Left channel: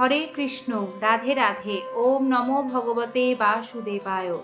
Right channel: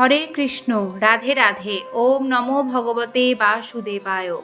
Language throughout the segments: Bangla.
হরে কৃষ্ণ, রাধে রাধে। ওম নমো ভগবতে বাসুদেবায়।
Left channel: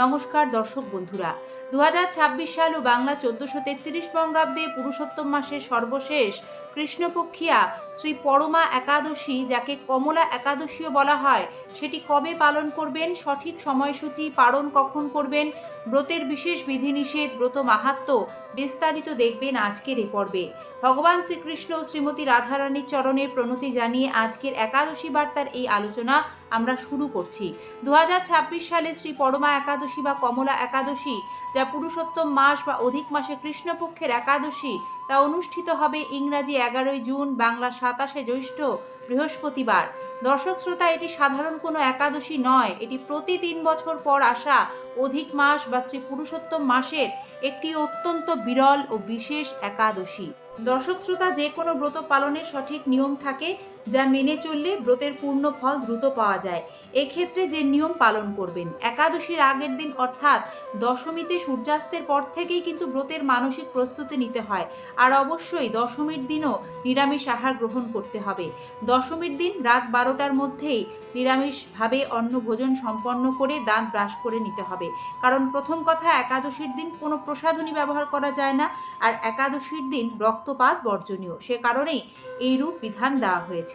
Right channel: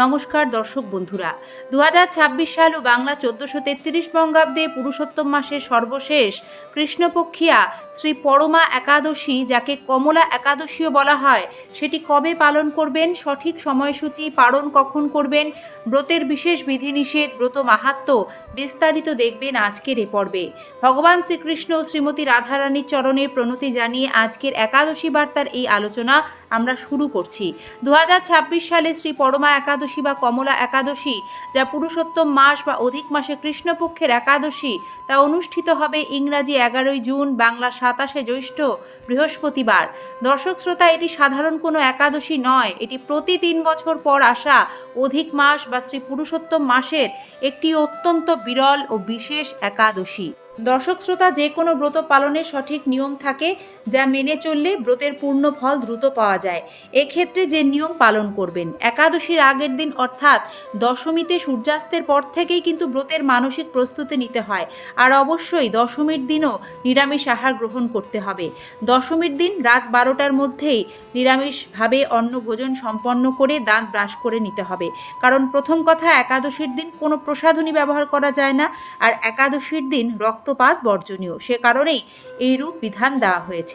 নমস্কার দর্শক বন্ধুরা, 2026 সাল ও বাংলা 1433 বঙ্গাব্দে পুরুষোত্তম মাসের সর্বশেষ কৃষ্ণপক্ষিয়া শ্রী পরমা একাদশী, যাকে কমলা একাদশীও বলা হয়, সেটি কবে পালন করবেন, সঠিক সময়সূচি, পালন কখন করবেন, ব্রতের বিশেষ বিধিনিষেধ, ব্রত মাহাত্ম্য বিস্তারিত দেখবেন আজকের এ পর্বে। ভগবান শ্রীকৃষ্ণ ও শ্রীমতী রাধারানীর চরণে প্রণতি জানিয়ে আজকের একাদশী বার্তার এই আলোচনা আমরা শুরু করছি। 2026 সালে শ্রী পরমা একাদশী বা কমলা একাদশী, যা পুরুষোত্তম মাস বা অধিক মাসে কৃষ্ণপক্ষের একাদশী, তা অনুষ্ঠিত হবে ইংরাজি 11 জুন, বাংলা 27 জ্যৈষ্ঠ, বৃহস্পতিবার। দর্শক শ্রোতা, এটি সাধারণ কোনো একাদশী নয়, এটি প্রতি 3 বছর পর আসা অধিক মাস বা শ্রী পুরুষোত্তম মাসের একটি অত্যন্ত বিরল ও বিশেষ একাদশী। দর্শক শ্রোতা, যে কোনো ব্রত পালনের সঠিক নিয়ম থাকে, যা মেনে চললে ব্রতের পূর্ণ ফল দ্রুত পাওয়া যায়। এক্ষেত্রে যে নিয়ম পালন করবেন, একাদশীর আগের দিন অর্থাৎ দশমীতে সূর্যাস্তের পর থেকেই কিন্তু ব্রতের মানসিক প্রস্তুতি নিতে হয়। আর অবশ্যই দশমীর দিনও নিরামিষ আহার গ্রহণ করতে হবে। দশমীর দিন রাত 12টার মধ্যেই নিরামিষভাবে অন্ন ভোজন সম্পন্ন করে দাঁত ব্রাশ করে নিতে হবে। কারণ প্রথম কথা, একাদশীর দিন কোনো প্রসাধনী ব্যবহার করা যায় না, আর একাদশীর দিন রক্তপাত বর্জনীয়, সে কারণেই এইরূপ বিধান দেওয়া হয়েছে।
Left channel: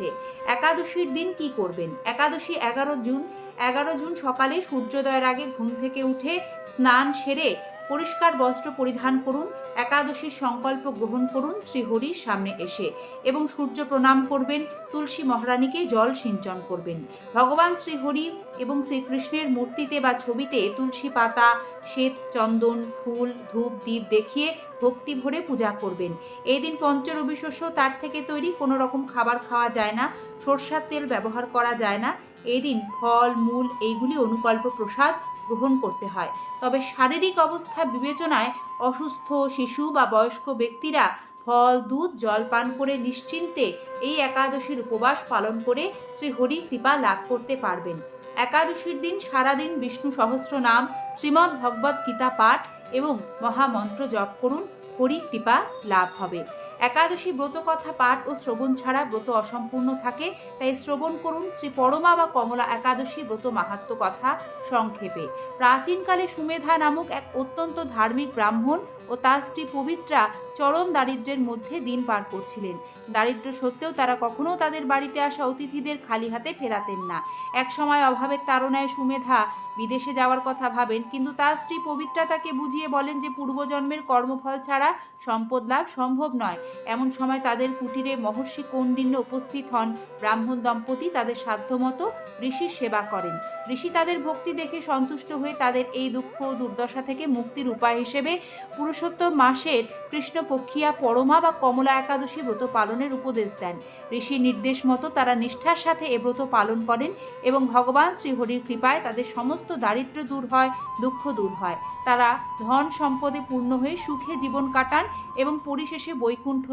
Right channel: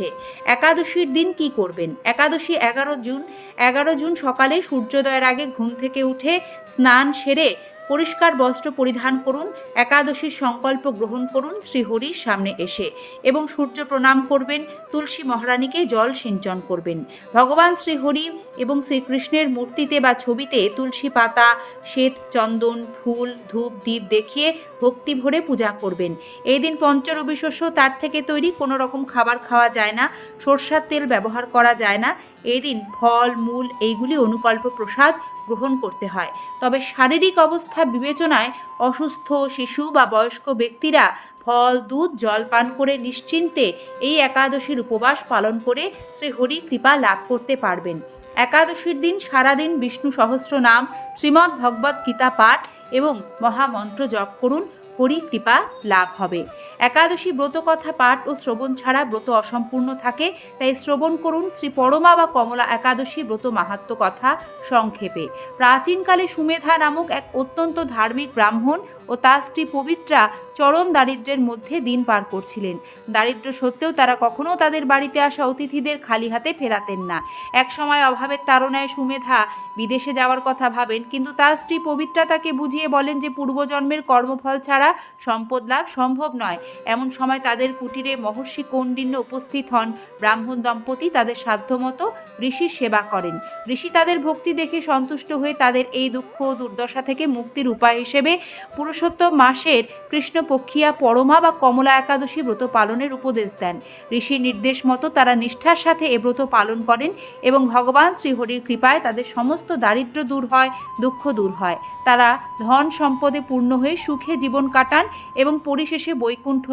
একাদশীর দিন কি করবেন? একাদশী 11 জুন সকালে সূর্যোদয়ের আগে ঘুম থেকে উঠে স্নান সেরে পরিষ্কার বস্ত্র পরিধান করুন। একাদশীর সংকল্প গ্রহণ করুন শ্রীহরির সামনে এসে, এবং সূর্য প্রণাম করবেন। তুলসী মহারানীকে জল সিঞ্চন করবেন। ভগবান শ্রীহরি এবং শ্রীকৃষ্ণের মূর্তিতে বা ছবিতে তুলসী পাতা, শ্বেত চন্দন, ফুল, ধূপ, দীপ দেখিয়ে ভক্তি ভরে পূজা করবেন। এই দিন পঞ্চরবি শস্য, তার থেকে তৈরি কোনো রকম খাবার খাওয়া যায় না। সরষার তেল ব্যবহার করা যায় না। এই দিন ফল, মূল এইগুলি অনুকল্প প্রসাদ গ্রহণ করতে হয়। তবে শারীরিক অবস্থা বিবেচনায় অসুস্থ শিশু বা বয়স্ক ব্যক্তিরা ফল, দুধ, জল পান করে নিশ্চিন্তে এই একাদশীর উপবাস পালন করে শ্রীহরি কৃপা লাভ করতে পারবেন। একাদশীর দিন সারাদিন বিষ্ণু সহস্র নাম, শ্রীমদ্ ভগবদ্ গীতা পাঠ এবং মহামন্ত্র জপ করুন। হরি কৃপা লাভ হবে। একাদশী ব্রত কথা পাঠ ও শ্রবণ ছাড়া ব্রত অসম্পূর্ণ থাকে, তাই শ্রবণ করুন শ্রী পরমা বা কমলা একাদশী ব্রত মাহাত্ম্য কথা সংক্ষেপে। প্রাচীনকালে সুমেধা নামক এক অত্যন্ত ধার্মিক ব্রাহ্মণ ও তার স্ত্রী পবিত্রা চরম দারিদ্র্যের মধ্যে দিন পার করছিলেন। দারিদ্র্য সত্ত্বেও তারা কখনো তাদের বাড়িতে আসা অতিথিদের খালি হাতে ফেরাতেন না। এক সময় অভাবের তাড়নায় সুমেধা বিদেশে যাওয়ার কথা ভাবেন, কিন্তু তার স্ত্রী পবিত্রা তাকে বুঝিয়ে বলেন যে পূর্বজন্মের কর্মফল ছাড়া সম্পদ লাভ সম্ভব নয়। এমন সময় তাদের কুটিরে মহর্ষি কৌণ্ডিন্য উপস্থিত হন। ব্রাহ্মণ দম্পতি তাদের সাধ্যমতো ঋষির সেবা করেন। ঋষি তাদের ভক্তি দেখে সন্তুষ্ট হয়ে তাদের এই দুঃখ ও দুর্দশা থেকে মুক্তির উপায় হিসেবে পুরুষোত্তম মাসের কৃষ্ণপক্ষিয়া পরমা বা কমলা একাদশী ব্রত পালনের উপদেশ দেন। ঋষির নির্দেশ মতো তারা নিষ্ঠার সাথে এ ব্রত পালন করেন এবং ভগবান শ্রীহরির কৃপায় তাদের সমস্ত দারিদ্র্য দূর হয়, দুঃখ দূর হয়। তারা ধন সম্পদে পূর্ণ হয়ে সুখে জীবন কাটান এবং পরিশেষে বৈকুণ্ঠ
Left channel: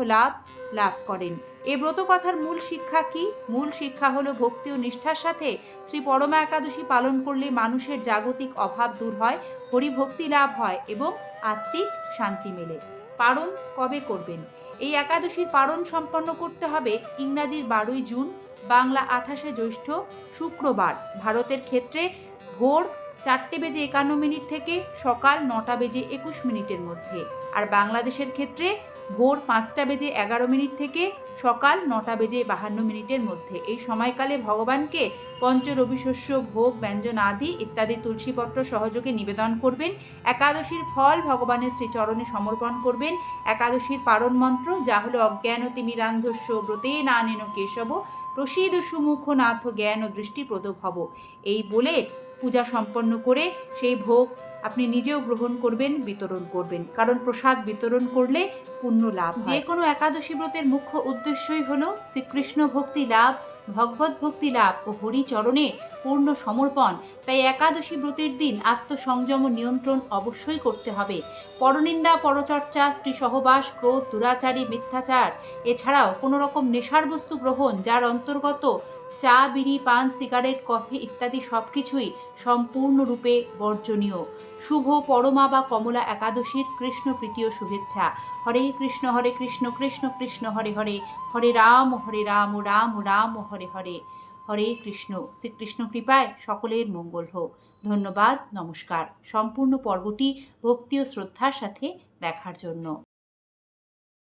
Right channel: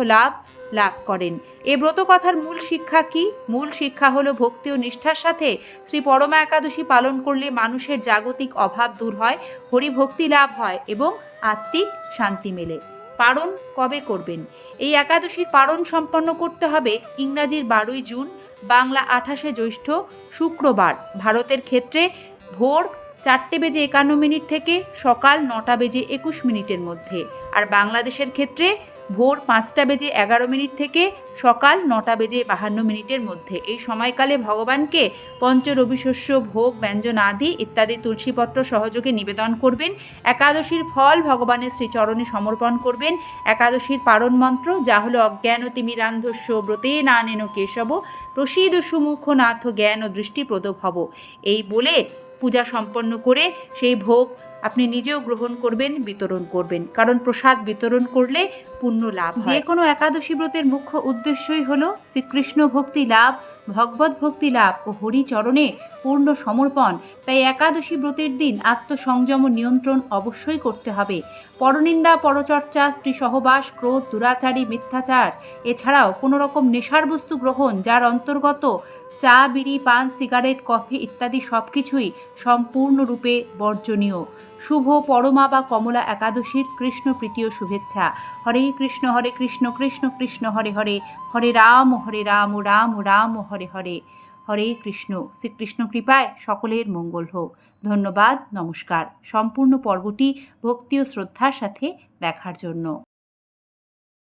লাভ করেন। এ ব্রত কথার মূল শিক্ষা কি? মূল শিক্ষা হলো ভক্তি ও নিষ্ঠার সাথে শ্রী পরমা একাদশী পালন করলে মানুষের জাগতিক অভাব দূর হয়, হরিভক্তি লাভ হয় এবং আত্মিক শান্তি মেলে। পারণ কবে করবেন? এই একাদশীর পারণ সম্পন্ন করতে হবে ইংরাজির 12 জুন, বাংলা 28 জ্যৈষ্ঠ, শুক্রবার। ভারতের ক্ষেত্রে ভোর 4:51 থেকে সকাল 9:21 মধ্যে, আর বাংলাদেশের ক্ষেত্রে ভোর 5:11 থেকে সকাল 9:52 মধ্যে। এই সময়কালে ভগবানকে পঞ্চরবিশস্য, ভোগ, ব্যঞ্জন আদি ইত্যাদি তুলসীপত্র সহযোগে নিবেদন করবেন। একাদশীর ফল ভগবানের শ্রীচরণে সমর্পণ করবেন। একাদশীর পারণ মন্ত্র, যা হলো অজ্ঞানতিমিরান্ধস্য ব্রতে নানেন কেশব প্রসীদ সুমুখ নাথ জ্ঞান দৃষ্টি প্রদভব, এই বলে পূজা সম্পন্ন করে সেই ভোগ আপনি নিজেও গ্রহণ করবেন, বিতরণ করবেন। কারণ প্রসাদ বিতরণ করলে পুণ্য লাভ হয়। যে কোনো একাদশী ব্রতের মুখ্য উদ্দেশ্যই হলো শ্রীকৃষ্ণ ভক্তি লাভ, ভগবত ভক্তি লাভ ও হরিচরণে পূর্ণ সমর্পণ। তাই একাদশী ব্রতের দিন আত্মসংযম নিয়ন্ত্রণ অবশ্যই করতে হবে। পরনিন্দা, পরচর্চা, স্ত্রী সহবাস, ক্রোধ, দুরাচারী, মিথ্যাচার, এছাড়াও কোনো রকম নেশার বস্তু গ্রহণ, যার অন্তর্গত চা, বিড়ি, পান, সিগারেট, কফি ইত্যাদি সব কিছুই সম্পূর্ণরূপে বর্জনীয়। শুভ পরমা বা কমলা একাদশীর কৃষ্ণ প্রীতীয় শুভেচ্ছা। হরে কৃষ্ণ কৃষ্ণ কৃষ্ণ হরে হরে, হরে রাম রাম রাম হরে হরে। হরে কৃষ্ণ। শ্রীকৃষ্ণ কৃপায় সকলের মঙ্গল হোক। ধন্যবাদ, নমস্কার। সম্পূর্ণ পর্বটি ভক্তি ও শ্রদ্ধার সাথে দেখার জন্য।